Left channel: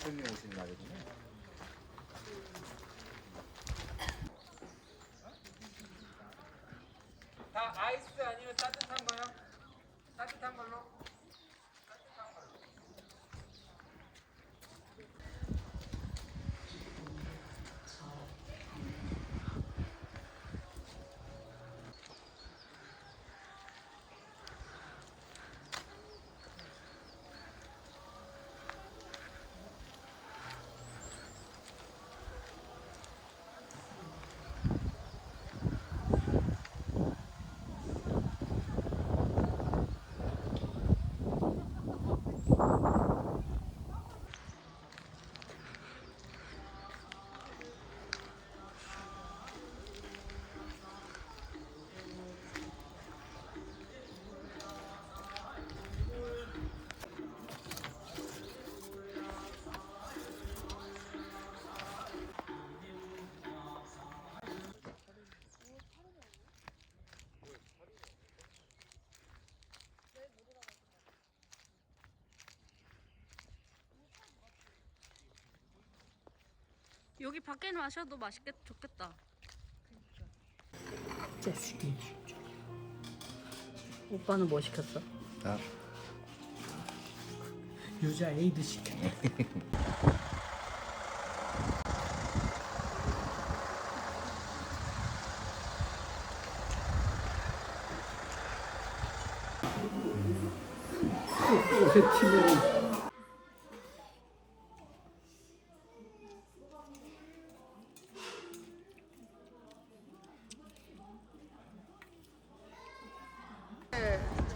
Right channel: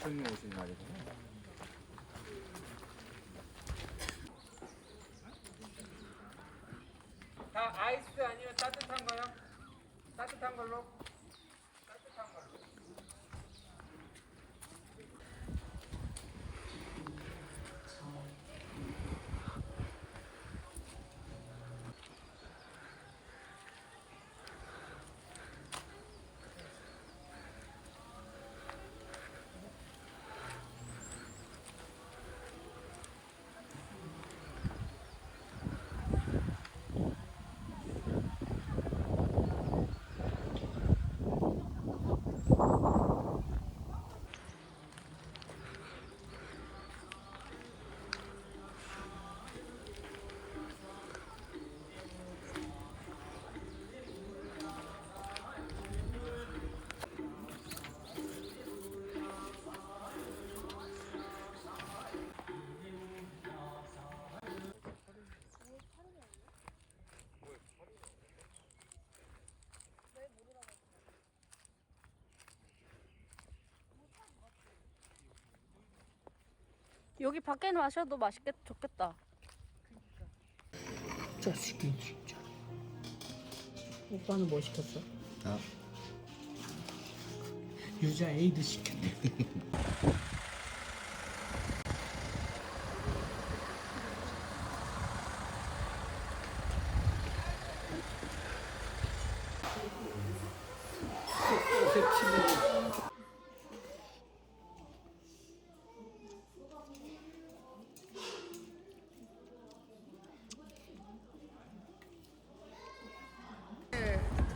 손님 오시는 날이구나. 다 아이스 아니면 따뜻한 거요? 따뜻한 걸로? 따뜻한 걸로. 여기 밖에 마셔도 좋겠다. 자식이 진짜. 오빠는 뭐 시켰어? 아, 유자 에이드 시켰네. 옷에 치면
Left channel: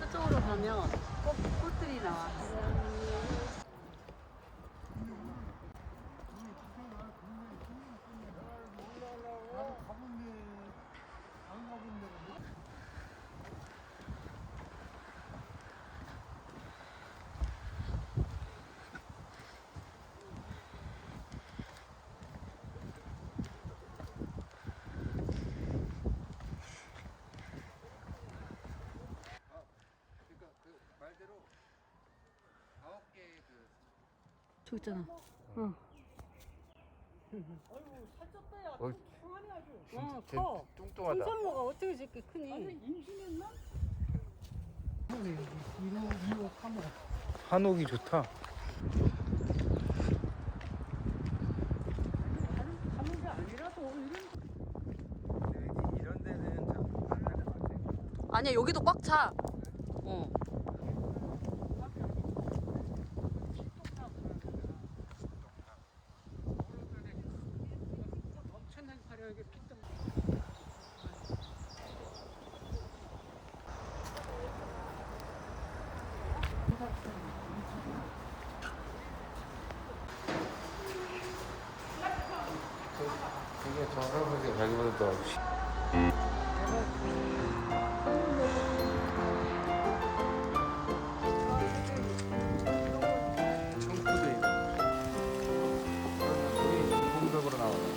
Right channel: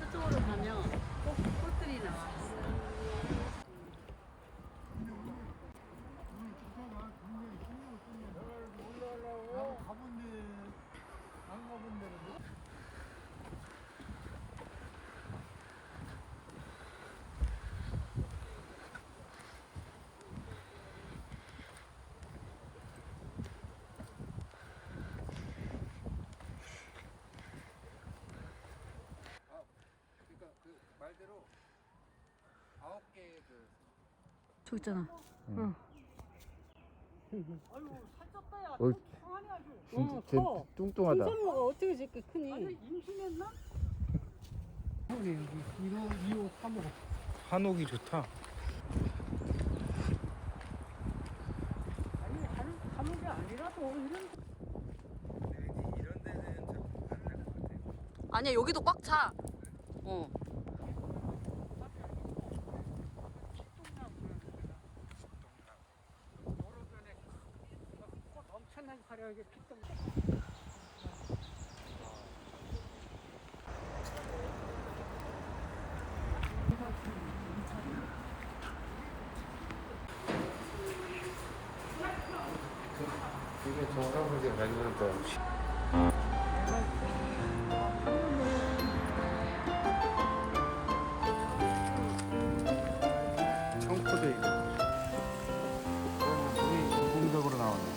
저쪽으로 가면 꽃들이 나와. 말대로 9개의 그 저기 있잖아. 진짜 커. 뚱뚱하다. 홍삼모가 어떻게 저렇게 크니? 아니 임신했나? 여기 1호, 2호, 3호. 한옥이 좋다. 이런 데는 참 아니야, 여기도 꽉 차. 어. 엄청나게 화려하게 피똥. 이게 정상적인 배우들 청포도 있고 거의 이중적으로 나오네.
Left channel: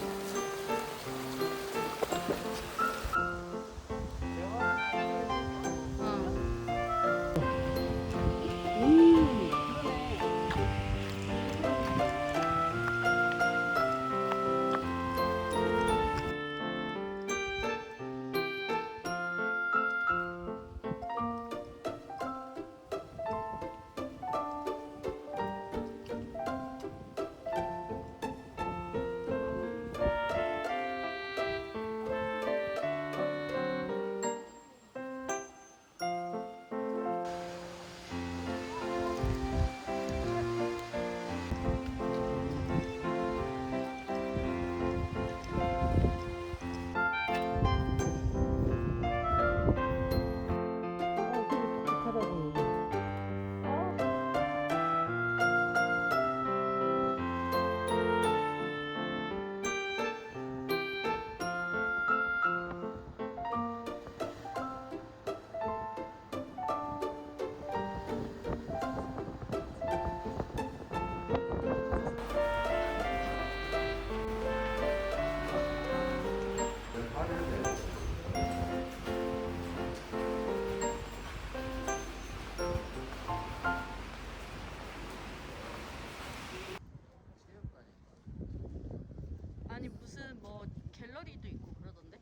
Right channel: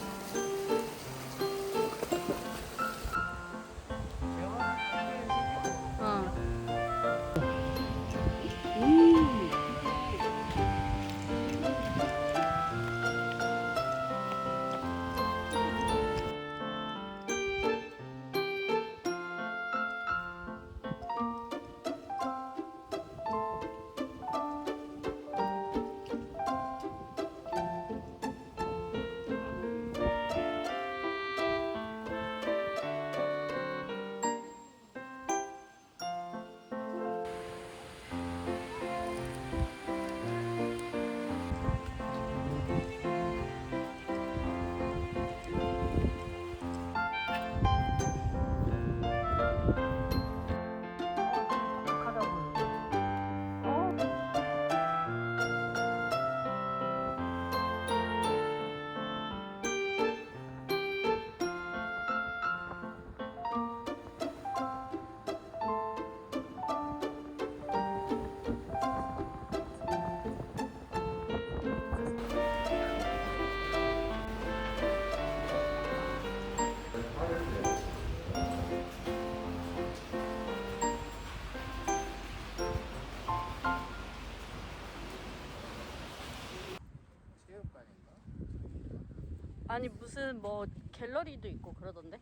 아니 무슨 뭐 갤러리도 있고 그러던데.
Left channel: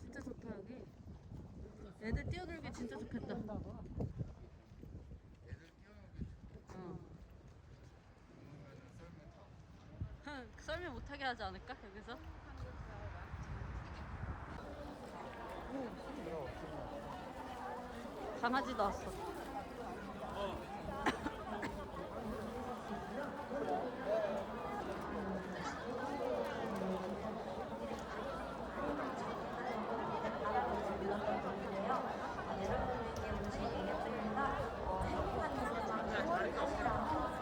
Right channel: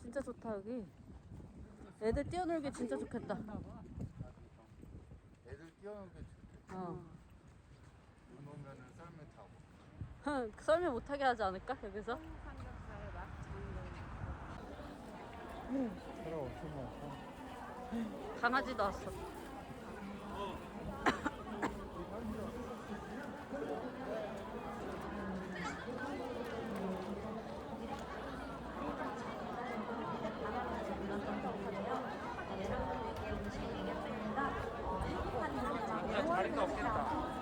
진짜 좋다 여기. 애들 뛰어놀기 진짜 좋겠다. 애들 뛰어노는 게 좋겠다. 어. 눈 오면은 썰매 타고. 썰매 못하게 하지 않을까 여기서? 강아지도 왔어. 바닥에서 불렀던 곡인데요. 여러분들께 오늘 얘기했습니다. 행복한 인생만 하시라고.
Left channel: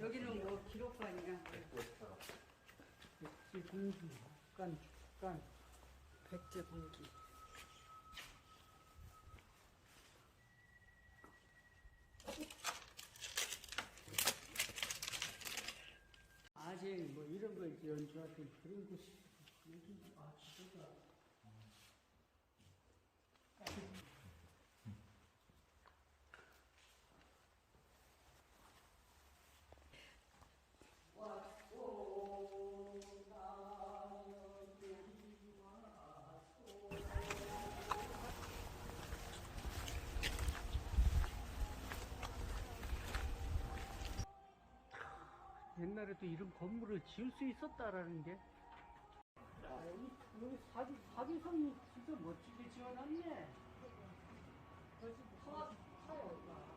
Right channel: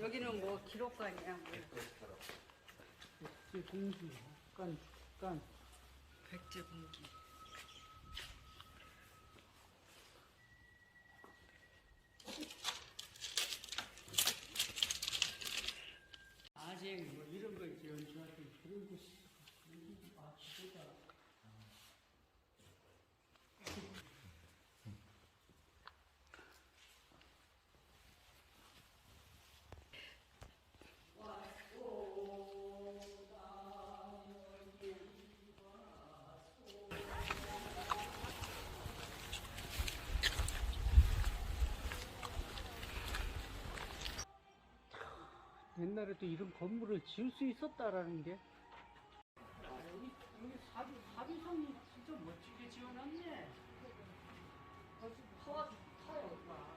여기는 뭐 기록관이야. 백제 공기, 깐. 백제 공기. 아쟁 뭐 이런 걸 연주하던 그런 곳이 여기 진짜. 옛날에도 이런 건물을 지을 수 있었다라는 게. 여기 사비성이 진짜 멋지게 지어놨네. 거기 파와도 타요, 막.